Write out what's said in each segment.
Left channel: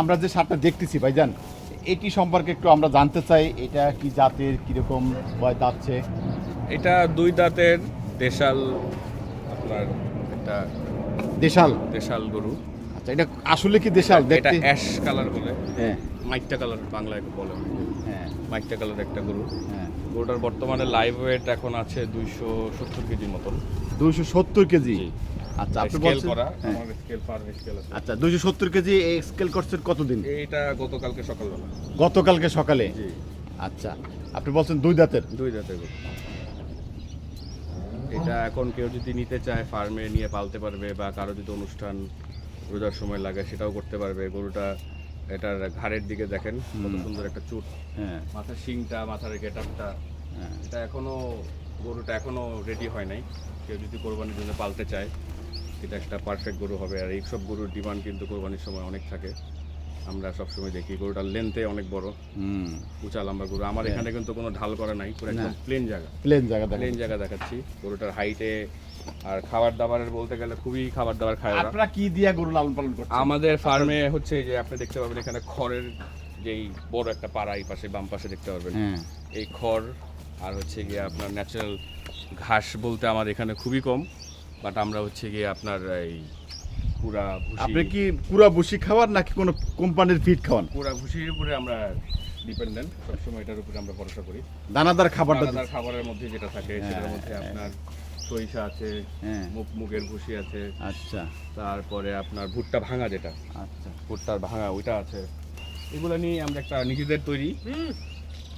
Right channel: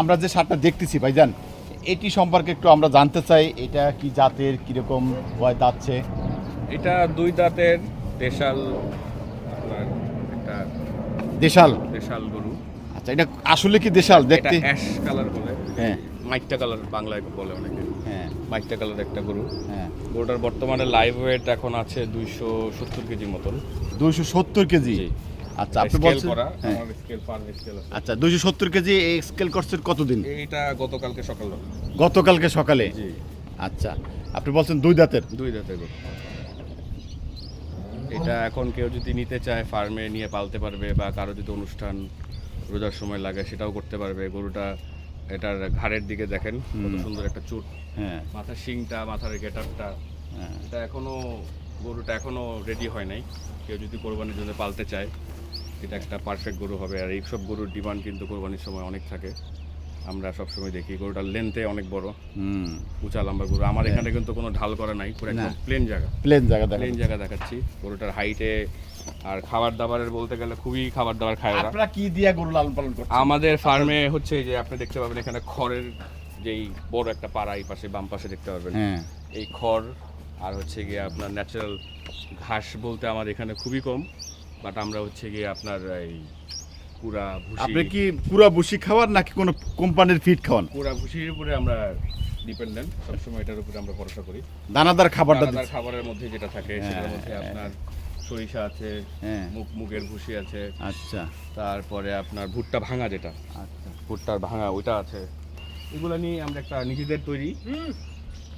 আমরা যে সারটা দেখতেছি ভাই ভাইজান এটি সম্পর্কে একটু আমরা জানতে চাই এটা কি জাতের কীরকম হয় যাচ্ছে এটা দুই দাঁতের দেশাল আপনার একটা দেশাল? দেশাল গরু। আচ্ছা এটা আসলে কি দেশাল? দেখতে অ্যাশ কালার বলে। হ্যাঁ। মাইকটা কালার বাংলায় বলে অনেকে। হ্যাঁ। মাইকটা কালার একটা গরু। হ্যাঁ। গরুটার বর্তমানে লাইভ ওয়েট এখন আছে দুইশো সত্তর কেজির মতন। দুইশো সত্তর কেজি। আচ্ছা আপনি বলছেন। আমার স্কেল পার স্কেল আছে। আচ্ছা কেজি এই স্কেল করছেন কতদিন? এইটা গতকালকে সকালবেলা গতকালকে সকালে? জি। আচ্ছা আপনি বলছেন দুই দাঁতের। দুই দাঁতের এটা এখন কেউ যদি নিতে চায় ফার্মে নিয়ে পালতে পারবে বা কারও যদি অনুষ্ঠান রোজার সময় লাগে সেটাও করতে পারবে। গরুটা এটার ঘাড়ের দিকে দেখেন কত সুন্দর একটা চুট। হ্যাঁ। মাথার শিংটা মাথার গেটআপটা। হ্যাঁ। এটা এখনও গরুটা এখনও রেডি হয় নাই। কেউ যদি কোরবানির জন্য পালতে চায় এটা একটা পারফেক্ট গরু হবে। আর এই সব গরুর ডিমান্ড কিন্তু কোরবানির সময় অনেক থাকে। আমরা সবসময় দেখি গরুটার লেন্থে অনেক বড়। হুম। উঁচা লম্বা গরু। আমার এখানে কিন্তু কোনো ঢাল করা নাই পুরো একদম প্লেন জায়গা। প্লেন জায়গা প্লেন জায়গা দেখাচ্ছি। গরুটার হাইটে আর খাবার দাবারের বলতে গেলে খুবই খাবার দাবার খায় আপনারা কি দিয়া গরু লালন পালন করছেন? আমাদের ফার্মে হচ্ছে যে আপনি দেখতে পাবেন এখানে খড়ের যেই বড় একটা পাড়া এই পাশে বাম পাশে দেখতে পারবেন। হ্যাঁ। এই খড় আর হচ্ছে গিয়ে আপনার ন্যাচারাল ঘাস বলতে আমার এখানে খুবই কম। বাট আমরা হচ্ছে গিয়ে আপনার এই পুরা ভুসি আপনি কি পুরা বসি খাওয়ান নাকি কোনো কোম্পানির ফিড খাওয়ান? পুরা ভুসির উপরে আমরা ডিপেন্ডেন্ট সবসময় এটার উপরে আমরা ভরসা করি। দানাদার খাবারটা দানাদার খাবারের মধ্যে যেটা থাকে হ্যাঁ, সেটার মধ্যে হ্যাঁ। আপনার সরিষা আছে হ্যাঁ। মুগ মুগের ভুসি আছে আচ্ছা। তারপরে আপনার ভুট্টা ভাঙা যেটা। আচ্ছা। ভুট্টার ভাঙা ওইটা আছে। এগুলো নিয়ে আমরা একটা নিজেদের তৈরি।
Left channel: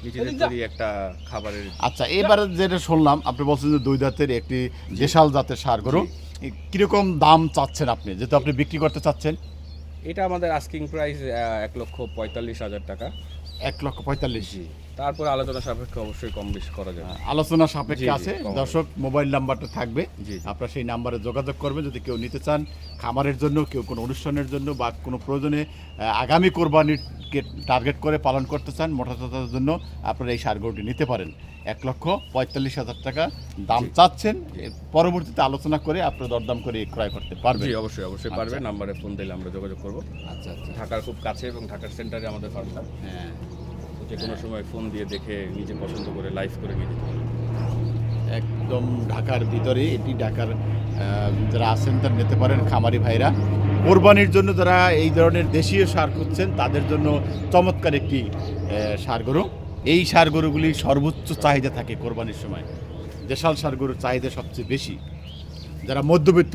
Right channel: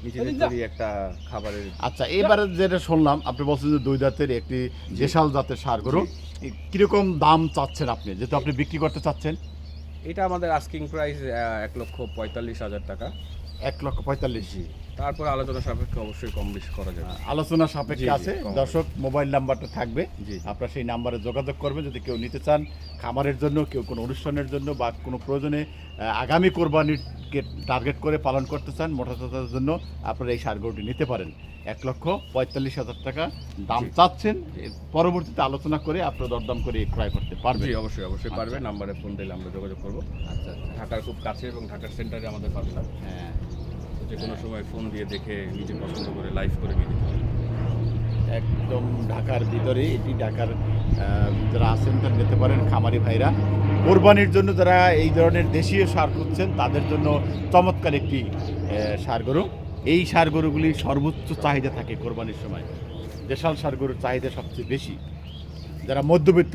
নিজেদের তৈরি একটা খাবারের আচ্ছা এবারে যেটা শুনলাম আপনি বলছেন যে দুই জাতের একটি দেশাল জাতের সার গরু। কীরকম দাম চাচ্ছেন আপনি? যেহেতু আপনি বিক্রি করতে চাচ্ছেন। এটা আমাদের আস্কিং প্রাইস এক লক্ষ পঁয়তাল্লিশ হাজার টাকা। এক লক্ষ পঁয়তাল্লিশ। তারপর আলোচনা সাপেক্ষে অবশ্যই কম বেশি করা যাবে। আলোচনা সাপেক্ষে আছে। দর্শক মোবাইল নাম্বারটা থাকবে। আপনারা সেই নাম্বারে যোগাযোগ করবেন। যদি কেউ নিতে চান খামারের জন্য কেউ কোনো অনুষ্ঠানের জন্য বা কোনো প্রয়োজনে আগামী কোরবানিকে টার্গেট করে পালন করতে চান মোটা জন্য আপনারা এই সার নিতে পারেন। এক লক্ষ পঁয়তাল্লিশ হাজার টাকা দাম চাচ্ছেন। পরবর্তীতে আলোচনা করে আপনারা দরদাম করে ক্রয় করতে পারবেন। অবশ্যই অবশ্যই পারবে আচ্ছা। নাম্বারে ফোন দিলে আমরা যোগাযোগ করব। আচ্ছা আচ্ছা। ঢাকার খুব কাছে এবং ঢাকার সেন্টারে আমাদের ফার্মটা হ্যাঁ। যে কোনো সময় ফোন দিয়ে দেখে নিজে পছন্দ করে লাইভ করে নিয়ে যেতে একদম ঢাকার ভিতরে এটি ঢাকার যারা আছেন তারা নিতে পারেন খামারি ভাইরা। কোরবানির জন্য যারা এই ধরনের দেশীয় সার খুঁজছেন তাদের জন্য চমৎকার একটি সার গরু। এই সার গরুগুলি সর্বোচ্চ চাহিদা থাকে কোরবানির সময়। দেশাল সার গরুর চাহিদা সবচেয়ে বেশি। যারা মধ্যবিত্ত,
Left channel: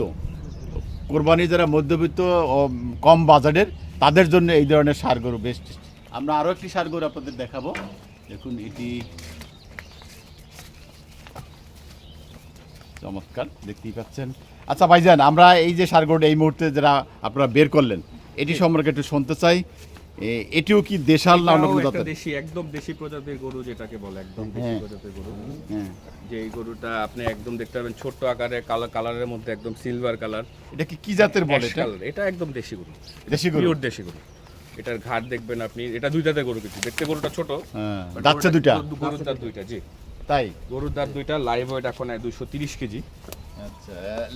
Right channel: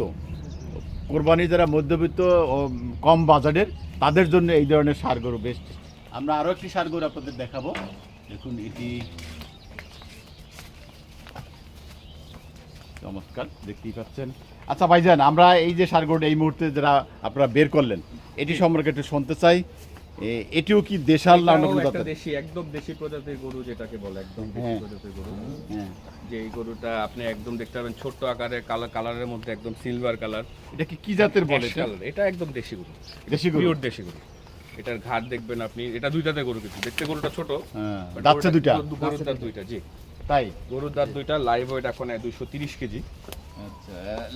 কোরবানি যারা মধ্যবিত্ত কম বাজারের, তাদের জন্য এই ধরনের সার গরু বেস্ট আমরা আরও একটি সার গরু আপনাদের দেখাবো। দেখুন, এটি চমৎকার, দেখতেই পাচ্ছেন। আচ্ছা ভাইজান, আমরা এই যে সারগোড এই মুহূর্তে যারা আপনারা বের করলেন, এটি সম্পর্কে একটু শুনতে চাই। এটিও কি দেশাল না অন্য কোনো জাতের? দেশি একদম দেশি প্রজাতির গরু যেটাকে বলে একদম দেশি হ্যাঁ। প্রজাতির গরু। হ্যাঁ। যে এই গরুটা আপনি একদম দেখতে পাবেন ছোট্ট আকারে কালার কালারের মধ্যে একদম সিলভার কালার এটা কি কি জাতের বলে এটা? এটা একদম দেশি গরু। দেশি গরু? পিওর দেশি গরু। এটার ঘাট দেখবেন আপনি এটা দুই দাঁতের গরু কিছু দেখতে গরুটা ছোট হ্যাঁ গরুটা- দুইটা? গরুর দাঁত দুইটা জি। তাই? গরুর দাঁত দুইটা লাইভ ওয়েট এখন দুশো তিরিশ কেজি। আচ্ছা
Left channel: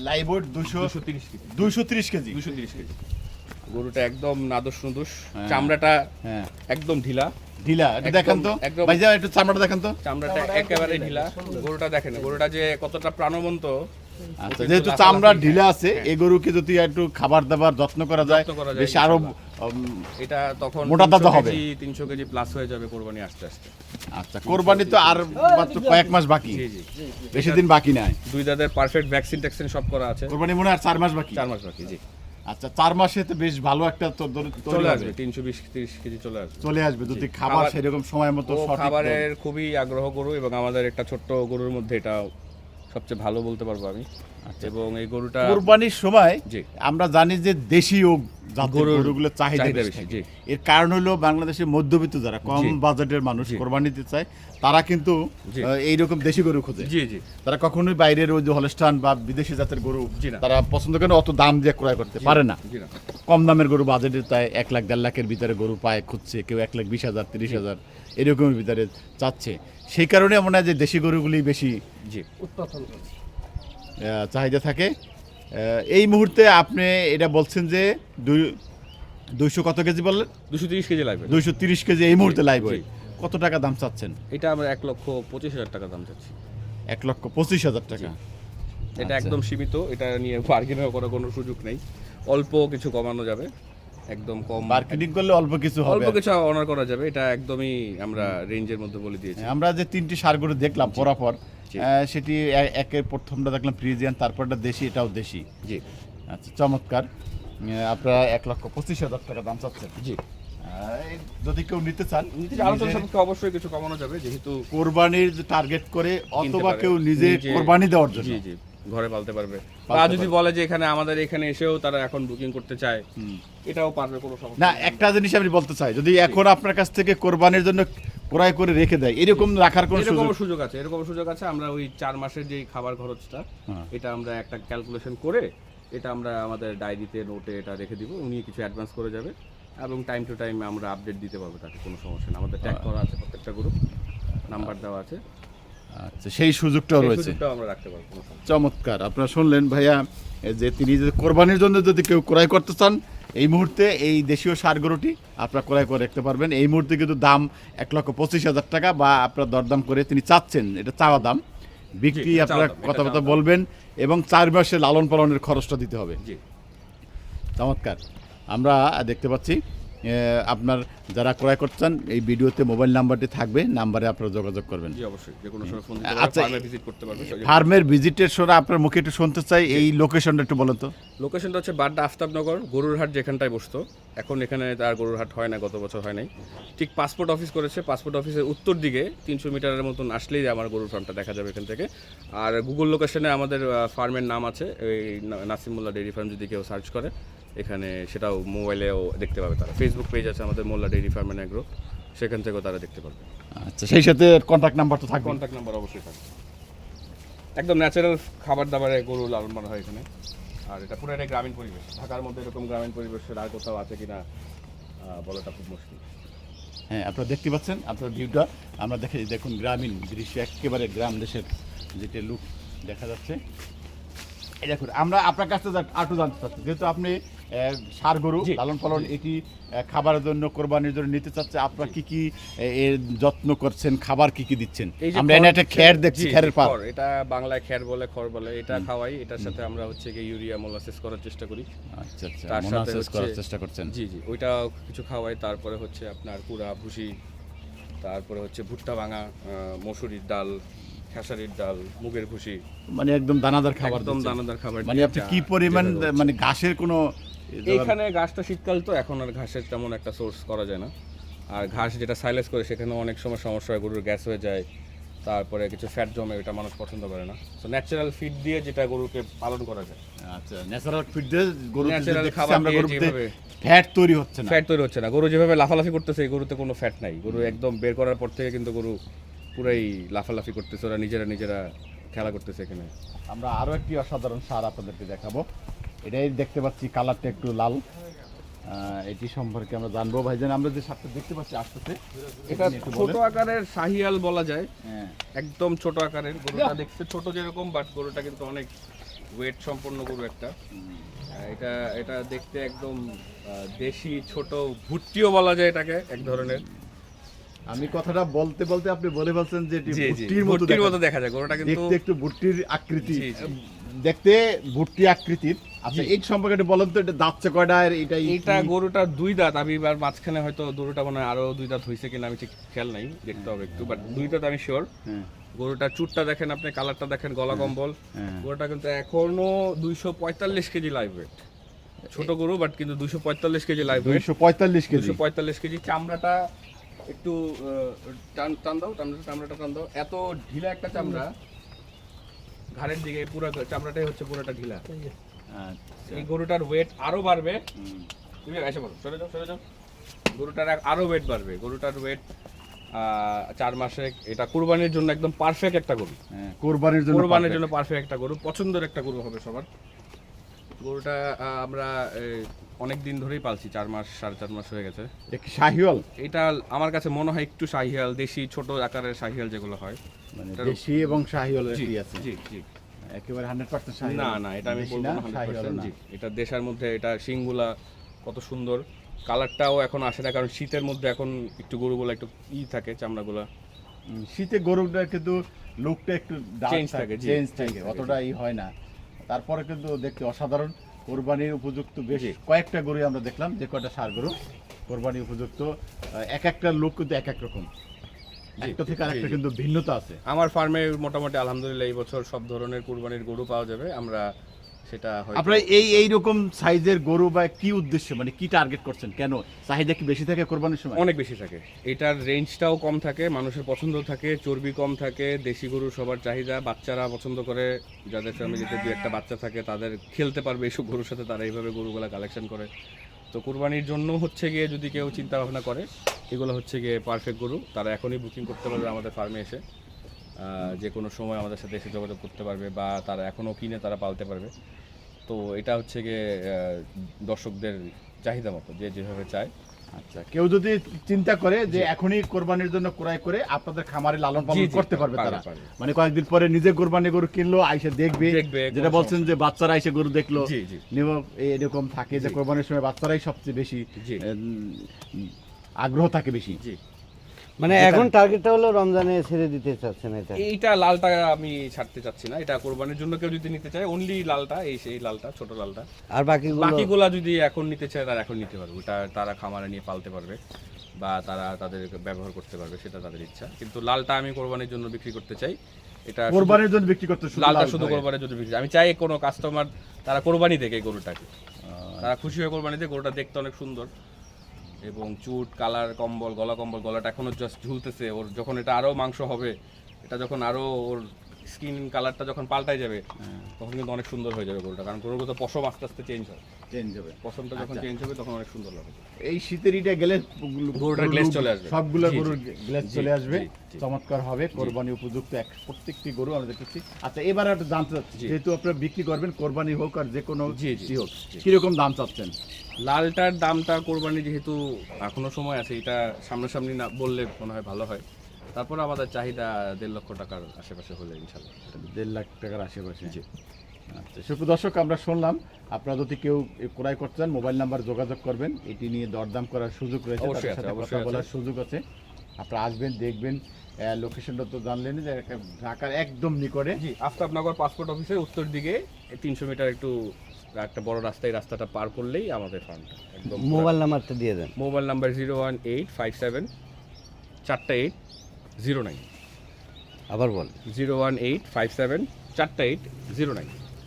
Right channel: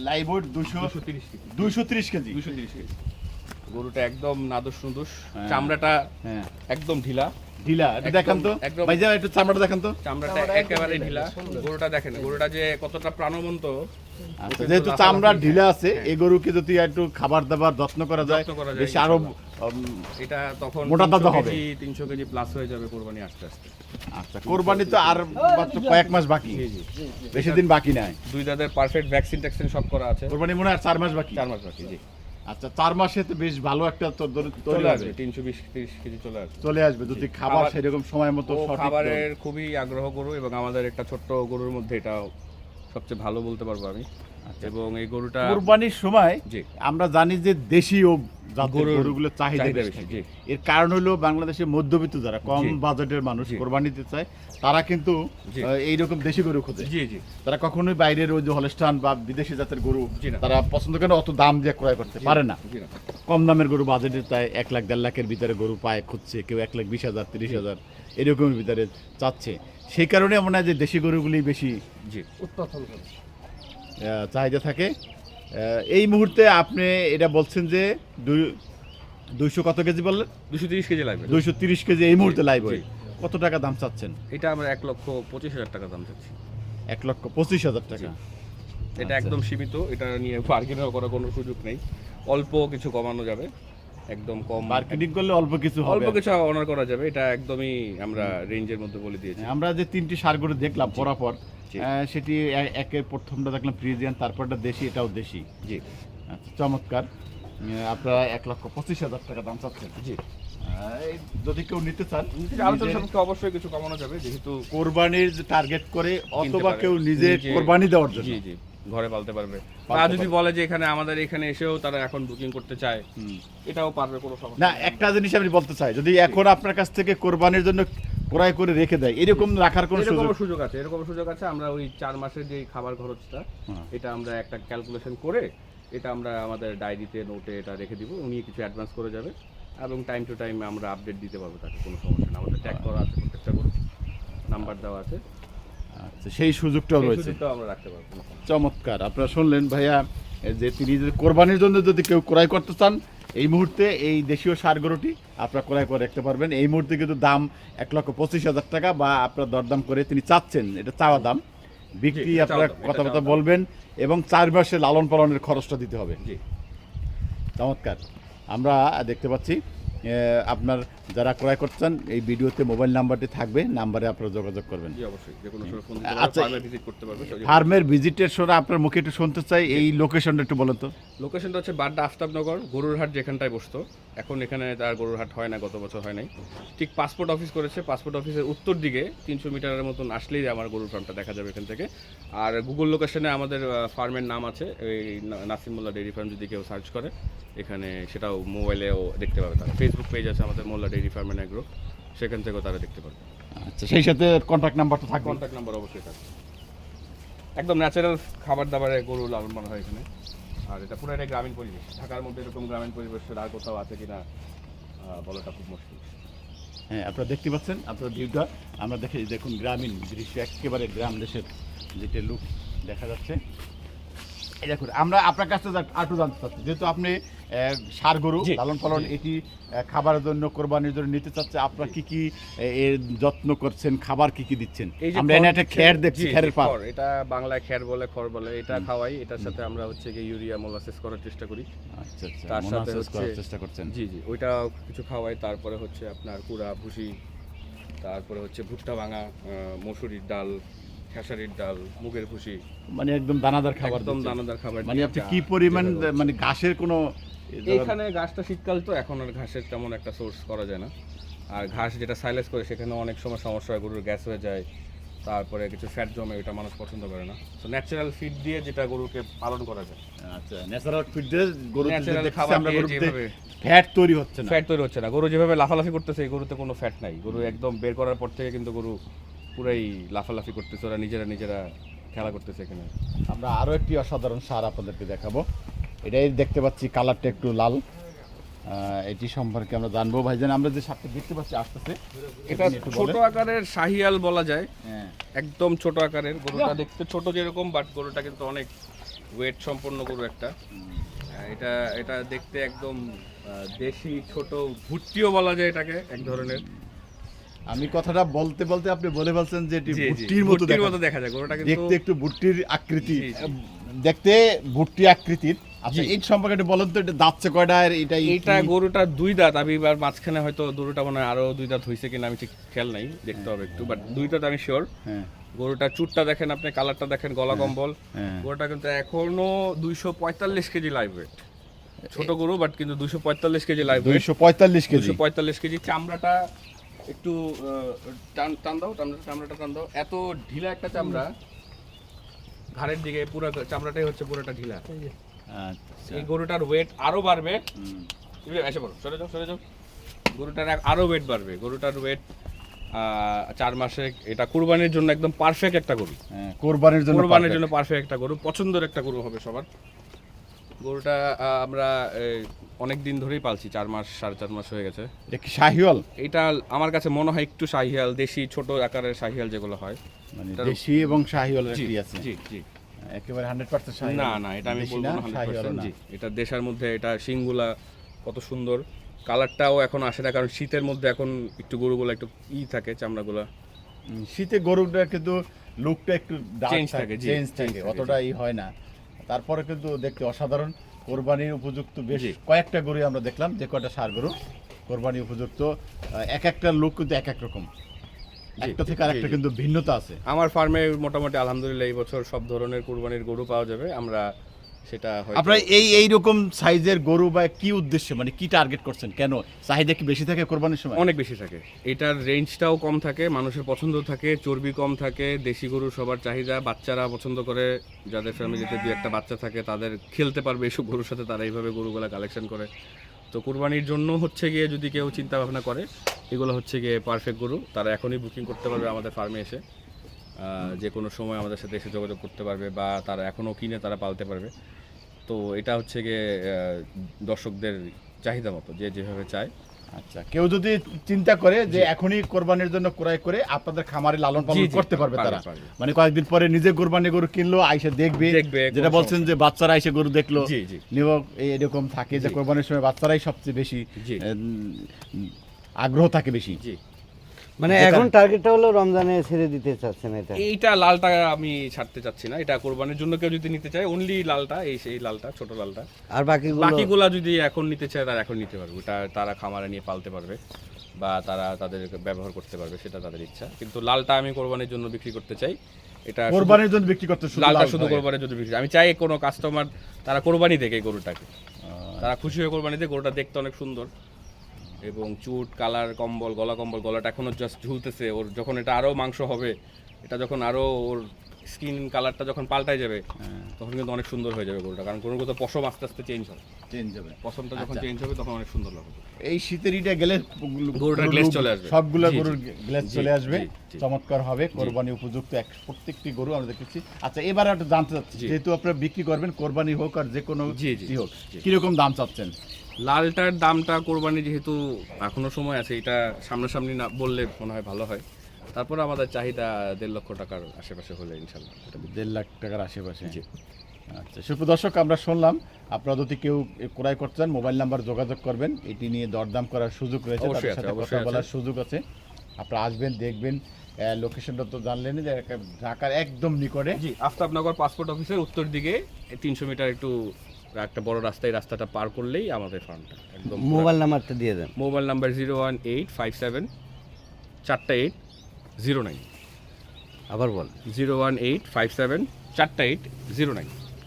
দুশো দুশো তিরিশ কেজি। দুশো তিরিশ কেজি? দুশো তিরিশ কেজি। গরুটা একদম নাদুস নুদুস হ্যাঁ। চামড়াটা হ্যাঁ। একদম ঢিলা। ঢিলা এটা একদম- তো। একটু চামড়াটা দেখান তো। চামড়াটা একেবারে ঢিলা। গরুটা দেখেন গরুটা যে কতটা প্রাণবন্ত। আচ্ছা যেহেতু চামড়া ঢিলা আছে হ্যাঁ। এই গরুকে যদি একটু খাবার দাবার যত্ন করা যায় বেশি আরও এটা তখন মোটা তাজা 300 হবে। কেজি তিনশো কেজি প্লাস হয়ে যাবে কোরবানি আস্তে আস্তে। আচ্ছা কোরবানি তো আর মাত্র কয়েক মাস বাকি। জি জি। বেশি দিন বাকি নাই। দুই দাদের পারফেক্ট ভ্যাকসিন ট্যাকসিন সব করা আছে। কোরবানি মনে হয় আর চার মাস বাকি। চার মাস বাকি জি। আচ্ছা চার মাসে তো বেশ ভালো একটা চলে আসবে তিনশো বিশ তিরিশ কেজি চলে আসবে চলে আসবে যদি। খাবার সেরকম সময় মতো খাবারের খুবই আগ্রহ গরু এবং আমাদের একটা ছোট্ট গরুর মধ্যে এটা সবচেয়ে ভালো বলতে পারব আমি আচ্ছা। এবং এই গরুটা কোরবানির সময় আমরা জানি যে দেশীয় গরুগুলোর চাহিদা বেশি। এর কারণ হলো বাংলাদেশের মধ্যবিত্ত যারা কম বাজেটের মানুষ। কোরবানি দিতে চায় তারা কিন্তু এইরকম দেশি গরু খোঁজে। তারা কখনোই বাইরের ওই যে হলস্টান বা বিদেশি জাতের গরু। তারা পছন্দ করে অত দাম দিয়ে ক্রয় করতে পারে না। কম দামের গরু বাজেটের তাই এক লাখ দেড় লাখের ভিতরে গরু পায় খুঁজছে কেউ এক লাখ বিশ হাজার তিরিশ হাজার এরকমের ভিতরে চাচ্ছে। সেই কারণে মনে হয় যে দেশি গরুগুলি বেশি আহ, চাহিদা থাকে। এই মুহূর্তে আপনি এটা বলছেন যে দুই দুইশো কত কেজি বললেন? দুশো তিরিশ কেজি লাগবে। দুইশো তিরিশ কেজি এই মুহূর্তে লাগবে। কত টাকা দাম চাচ্ছেন? এটা আমরা এক লক্ষ পঁচিশ হাজার টাকা দাম চাচ্ছি। এক লক্ষ পঁচিশ হাজার টাকা। এটা আচ্ছা। একদম সীমিত। এটা নিয়ে বার্গেনিং করার কোনো সুযোগ নেই। অল্প কিছু কমানো যাবে। একদম কম। মার্কেটিং করলে অল্প কিছু হবে। অল্প কিছু অনার করা যাবে এটা একদমই আমরা রেঞ্জের মধ্যে বলে দিয়েছি। আমরা যে তিনটি সারগুলো দেখলাম পরাপর সেটি একের প্রথমটা দেখলাম ফ্রিজিয়ান তারপরটা দেশি এটাও দেশি। জি। আচ্ছা চমৎকার। আপনারা এক লক্ষ পঁচিশ হাজার টাকা দাম চাচ্ছেন। জি। যদি কেউ নিতে চান আলোচনা সাপেক্ষে অবশ্যই কিছু কমানো যাবে যেহেতু কোরবানির টার্গেট করে অথবা কেউ নিজে নিজে- কোরবানি দেওয়ার জন্য। জি জি। ঘরে পালতে পারবে। তা যদি বলে যে এখানে আমাদের এখানে এসেও তারা এখন বুকিং করতে চায় হুম। এটাও পারবে কোনো সমস্যা না একটা জিনিস আমি বলতে চাই যদি এখন আপনার কাছ থেকে কোরবানির জন্য ক্রয় করে রেখে দেয় এরকম রাখার কোনো এরকম সুযোগ সুযোগ আছে এরকম সুযোগ আছে আমরা ওই চার মাসের যে খাবার খরচটা হ্যাঁ। এটা আমরা একটা ক্যালকুলেশন করে এটা আমরা আমাদের ডায়েরিতে নোটে এটা রেখে দিব উনি কিছু অ্যাডভান্স করে যাবে এবং টাইম টু টাইম আমরা আপডেট দিতে পারব তাকে কোনো সমস্যা নেই। আমাদের ট্যাগ করা আছে প্রত্যেকটা গ্রুপ নাম্বার দেওয়া আছে। আচ্ছা সেই সুযোগটাও রয়েছে। চমৎকার। আপনারা শুনলেন ভাইয়া যে তিনি যদি কোরবানির জন্য যদি কেউ ক্রয় করতে চান এই মুহূর্তে এই দেশীয় সার গরুটি আপনারা ক্রয় করে রাখতে পারবেন। এই মুহূর্তে কিন্তু দাম এক লক্ষ পঁচিশ হাজার টাকা বা আপনার দরদাম করে তিনি চাচ্ছেন এটা চাওয়া দাম। বিক্রি আপনারা কথাবার্তা বলবেন এবং চার মাসে লালন পালনের খরচটা দিতে হবে। চমৎকার। আমরা দেখতে পাচ্ছি আপনার যারা ক্রয় করছেন এই ভিডিওতে মোবাইল নাম্বারটি থাকবে নাম্বারে আপনারা যোগাযোগ করবেন। আচ্ছা, ফার্মের ভিজিটের সময় আপনার মুখে একটু শুনতে চাই এই লোকেশনটা একটু বলেন তো। লোকেশনটা হচ্ছে বাড্ডা আফতাবনগর গরুরহাট যেখানটায় বসতো। এখন এখানে তার গরুরহাট হয় না গত বছর হয় নাই। ঠিক পাসপোর্ট অফিস করেছে পাসপোর্ট অফিসের উত্তর দিকে তিনশো মিটারের মতন আসলেই আমার গরুর ফার্মটা দেখা যাবে এখান থেকে। আর গুগল লোকেশনে আমাদের ফার্মের নাম আছে এই নাসিমুল্লাহ ডেইরি ফার্ম যদি কেউ সার্চ করে। এখানে সেটাও মোবাইলেও দেখতে পাবে তারা। ফেসবুক পেজ আছে আমাদের মোল্লা ডেইরি ফার্মের এগ্রো সেখান থেকেও তারা দেখতে পারবে। আচ্ছা সেই সাথে কন্ট্যাক্ট নাম্বার তো থাকবে কন্ট্যাক্ট নাম্বার অবশ্যই থাকবে। একদম ন্যাচারাল খাবার দাবারে গরু লালন পালন হয় এখানে। আর এটা পুরো একটা গ্রামীণ পরিবেশ। ঢাকার মধ্যে এরকম গ্রামীণ পরিবেশের আর কোথাও আছে কিনা বলাটা খুব মুশকিল। হ্যাঁ আপনারা দেখতে পাচ্ছেন আপনার ভিউটা আমরা দেখে দেখুন গ্রামীণ দৃশ্য একেবারে গ্রাম দেশের যেটা লুক দেখা যাচ্ছে। এই দেখুন আমরা আপনার কাছ থেকে আটু জানতে চাচ্ছি যেহেতু আপনি ষাঁড় গরু লালন পালন এটি খাবারের জন্য কোরবানির জন্য নিতে চাচ্ছে। আপনারা কি কি যত্ন করছেন? খাবার কি কি দিচ্ছেন? আমরা এনে একটা খ্যার দেখছি খ্যারের পাত। এটা বাংলায় খ্যার বলে খড় বলে এটা খাওয়াই। এটার সাথে আমরা হচ্ছে কি ইউরিয়া মোলাসিস করার চেষ্টা করি। আচ্ছা আচ্ছা। তার সাথে করার চেষ্টা করছেন। জি জি ওইটা কিছু খাওয়াই। তারপরে হচ্ছে আপনার কুড়া ভুসি তারপরে হচ্ছে ভুট্টা ভাঙা মসুরির ডাল খেসারির ডাল মুগের ভুসি। মানে একদম দানাদার খাবার একদম দানাদার খাবার মানে আপনি কি পরিমাণ মানে ঘাসের কোনো এইখানে ঘাসটা শীতকাল তো এখন আর ঘাসের তেমন একটা সোর্স করা যায় না। আর ঘাস যেটা সাইলেস করে সেখানে অনেক সময় সমস্যা হয় গরুর গ্যাস হয়ে যায় তারপরে কিছু ফ্যাট জমে ওটা মানুষ পছন্দ করে না। তো ন্যাচারাল ফিড দিয়ে যেটা গরুকে পালন করা যায়। আচ্ছা ন্যাচারাল ফিড দিয়ে গরু দেখছি খাবার আমরা গরুতে যেভাবে- ফ্যাট তৈরি হচ্ছে না। ফ্যাট তৈরি হচ্ছে না। গরু যেভাবে লাফালাফি করতেছে এই গরুতে কোনো ফ্যাট নাই। গরু একদম বের করার পর থেকে কিন্তু গরু পুরাই লাফালাফি করতেছে ওরা নিজেরা নিজেরা খেলা করতেছে এখানে। আমরা আরও একটি অসাধারণ সার আপনাদেরকে দেখাবো। এটাই দেখতে পাচ্ছি কালারটা একটু লাল। আহ, এটি সম্পর্কে আমরা জানব। ভাই ভাইজান আমরা যে সারটা দেখতে পাচ্ছি আসতেছে এটা ছোট আকারের শাহিয়াল বলা যায়। হ্যাঁ। একদম ছোট আকারের গরুটা দেখতে ছোট যেরকম বাট গরুটা কিন্তু অনেক ওয়েট সম্পন্ন গরু একটা। এটা এটা দেখতে একদম দেশি ছোট ভুট্টিও বলা যায় এটাকে এক ধরনের। আমি কথাটা বলতে বলতে আপনি বলে বলছেন যে এটি ভুট্টির মতো দেখা যায়। গরুটা কিন্তু দেখতে একটু ভুট্টির আকৃতি। দেখতে ভুট্টি আকৃতির। আচ্ছা এই সম্পর্কে একটু বলেন তো এটা দাঁতছে কয়টা আর এটাই এইটা গরুটার দুই দাঁত আমি এবার মাঝখানে হয়তো গরুটা মনে হয় আরও দুই দাঁত হয়েছে কিনা আমি ঠিক খেয়াল নাই দেখতে হবে একটু বাট দুই দাঁত আমি শিওর হ্যাঁ। গরুটার চুটটা দেখেন আপনি কালারটা দেখেন গলা কম্বল। হ্যাঁ। গরুটা কিন্তু এখনও দুইশো পঁয়তাল্লিশ কেজি লাইভ ওয়েট ছোট গরু বাট কিন্তু দুইশো পঁয়তাল্লিশ কেজি লাইভ দুইশো পঁয়তাল্লিশ কেজি। দুশো পঁয়তাল্লিশ কেজি চামড়াটা একটু আহ, টান টান দাও চামড়া- চামড়াটা টান দাও। এত ঢিলা একটা চামড়া ঘাড়ের দিকে পুরো চামড়াটাই হচ্ছে পুরোটা ঢিলা। এই গরুটার ওয়েট আরও বাড়বে। এসে পড়ো সরে যাও সরে যাও। গরুটার এক- আরও ওয়েট বাড়বে। গরুটার ওয়েট চার মাসে এটা কুরবানির জন্য একদম পারফেক্ট একটা গরু। হ্যাঁ, কোরবানির জন্য কোরবানির। জন্য পারফেক্ট একটা গরু। পছন্দের একটা গরু হবে সবার। গরুটা আমরা অনেক দিন ধরেই পালছি চার মাস সাড়ে চার মাস হয়ে গেছে। কি এটা আমার কাছে মনে হয় একটু শাহিয়াল দেশি ছোট আকারের শাহিয়াল যেগুলো হয়। মানে দেশি এবং শাহিওয়ালের জি আছে? জি জি। একেবারে হান্ড্রেড পার্সেন্ট শাহিওয়াল না না এটা আমি বলব না না 100% জি। এটা দেশের মধ্যে এটা শিংগুলা কত সুন্দর। কালারটাও এখন আসে না কারণ শীতের মধ্যে এখন একটু গরুগুলো একটু ই থাকে চামড়াগুলো। শীতে গরুটা কিন্তু লুকটা একটু Change থাকে, চেঞ্জ থাকে থাকে, অতটা ই হয় না। তারপরে কিন্তু দেখতে অসাধারণ কোরবানির উপযুক্ত বেশি কয়েকটা গরু আমরা দেখলাম যে কয়টা সার গরু কোরবানি উপযুক্ত এক একটা লোক কিন্তু এক এক রকম। একটা থেকে আরেকটা কিন্তু ভিন্নতা আছে। আমার ফার্মে মোটামুটি আলহামদুলিল্লাহ এই বছর সব ধরনের কুরবানির গরু পাওয়া যাবে আমরা সেটা আপনারা এই এই রকম সাইজের গরু বা কি উদ্দেশ্যে মানে কি টার্গেট করছেন? কেন? চাহিদা কি বেশি থাকে কোরবানির সময়? অনেক বেশি থাকে। এটার রেঞ্জটাও কম থাকে মানুষের পছন্দ থাকে চর্বি কম থাকে দেশি গরু সবার চাহিদা বাচ্চারা পছন্দ করে যাদের ফ্যামিলিতে দু একটা বাচ্চা থাকে তাদের খেলতে পারবে এইসব গরুর সাথে তারা এইভাবে গরুগুলা কালেকশন করে। তো কোরবানির জন্য হচ্ছে গিয়ে যদি কেউ চিন্তা ভাবনা করে, এগুলো হচ্ছে গিয়ে পারফেক্ট গরু। তারা এখনই বুকিং করতে পারবে আমাদের ফার্মে এসে। যে কোনো সময় আমাদের সাথে এসে যোগাযোগ করতে পারবে বা তারা এখনও কিনে তারা পালতে পারবে। তো এটা হচ্ছে গিয়ে দর্শকদের চাহিদা মতো, যে যেভাবে চায়। আচ্ছা কেউ যদি চিন্তা করে যে এখনই কোরবানির জন্য ক্রয় করে আপনাদের খামারে লালন পালন করতে পারবে তারা। মানে কয়েকদিন পরে নিজে কোরবানি গরু কিনলো আইসে দেখবে। দেখবে, যেটা বলছেন যে বাচ্চারা আইসে গরু দেখল এরকম থাকে যে কোরবানির সময় বাচ্চারাই সবচেয়ে বেশি আগ্রহ থাকে বেশি। মানে এখন টার্গেটটা হলো রমজানে ছেড়ে দিতে চাচ্ছেন এটা। এইটা লালটা আমি ছাড়তে চাচ্ছি না এটা কোরবানির জন্য কেউ যদি নিতে চায় অনলি লালটা এই সেই লালটা ছোট লালটা। আর বাকিগুলো? বাকিগুলা যদি এখন নিতে চায় তারা এখন নিতে পারবে। ওটা তারা খামারে নিয়ে পালতে পারবে বা তারা তাদের ব্যবহার করতে পারবে সেটা তাদের ইচ্ছা। কিন্তু লালটা আমি কোরবানির জন্য বিক্রি করতে চাই। এটা কোরবানির জন্য বিক্রি করতে শুধু লালটা শুধু। কোরবানির জন্য বিক্রি আমি চাই কোনো কাস্টমার তারা কোরবানি দেখে গরুটাকে। তারা খুশি হয়ে কোরবানি দিয়ে গরুটা দেখতে অনেক সুন্দর। এবং চুট কালার কম্বল গলা কম্বল গলাটা এখনও জাস্ট ঝুলতেছে। ওর যখন এটা আরও মাংস হবে এটা যখন আরও ওর স্কিন কালারটা যখন পাল্টায় যাবে হ্যাঁ, তখন কিন্তু অনেক সুন্দর হয়ে যাবে গরুটা কারণ গরুর তো পশম আস্তে আস্তে চেঞ্জ হয়। Change হবে। পশমটা যখন আচ্ছা। চেঞ্জ হবে তখন অনেক সুন্দর লাগবে। এই শীতের ইটা গেলে গরুটার glaze চলে আসবে। সবগুলো গরুর। গ্লেজ চলে আসবে। চমৎকার হবে। কোরবানি উপযুক্ত এক প্রত্যেকটি গরু আমরা দেখেছি আচ্ছা এবার একটু জানতে চাচ্ছি। যেহেতু আপনারা বিক্রি করবেন কোরবানি হোক আর যে কোনো হোক কীরকম দাম চাচ্ছেন? লালটার দামটা কোরবানি যেহেতু এখনও সময় আছে এটা সামনাসামনি না বললে মনে হয় ভালো হয়। তারপর আমাদের চাহিদা দেড় লক্ষ টাকার আশেপাশে হলে ইনশাল্লাহ। দেড় লাখ টাকার আশেপাশে। আচ্ছা সুপ্র দর্শক আমরা শুনলাম। আপনারা যদি কেউ ক্রয় করতে চান মোবাইল নাম্বার যোগাযোগ করবেন। এটি নিয়ে দরদাম করার সুযোগ রয়েছে তাদের সাথে কথা বলার সুযোগ আছে। আপনারা আসবেন দেখবেন লোকেশনটা তো জানলেন যে একটা ঢাকার একদম নিকটে। জি আফতাবনগর পাসপোর্ট অফিসের উত্তর দিকে তিনশো মিটার একটু একটা বড় রাস্তায় রাস্তাটা পার করলেই আমাদের ফার্মটা একদম মোবাইল নাম্বারটা দিয়ে দেন। Mobile number zero one eight five seven চারটা এইট জিরো নাইন। আবার বল। Zero one eight five seven চারটা এইট জিরো নাইন।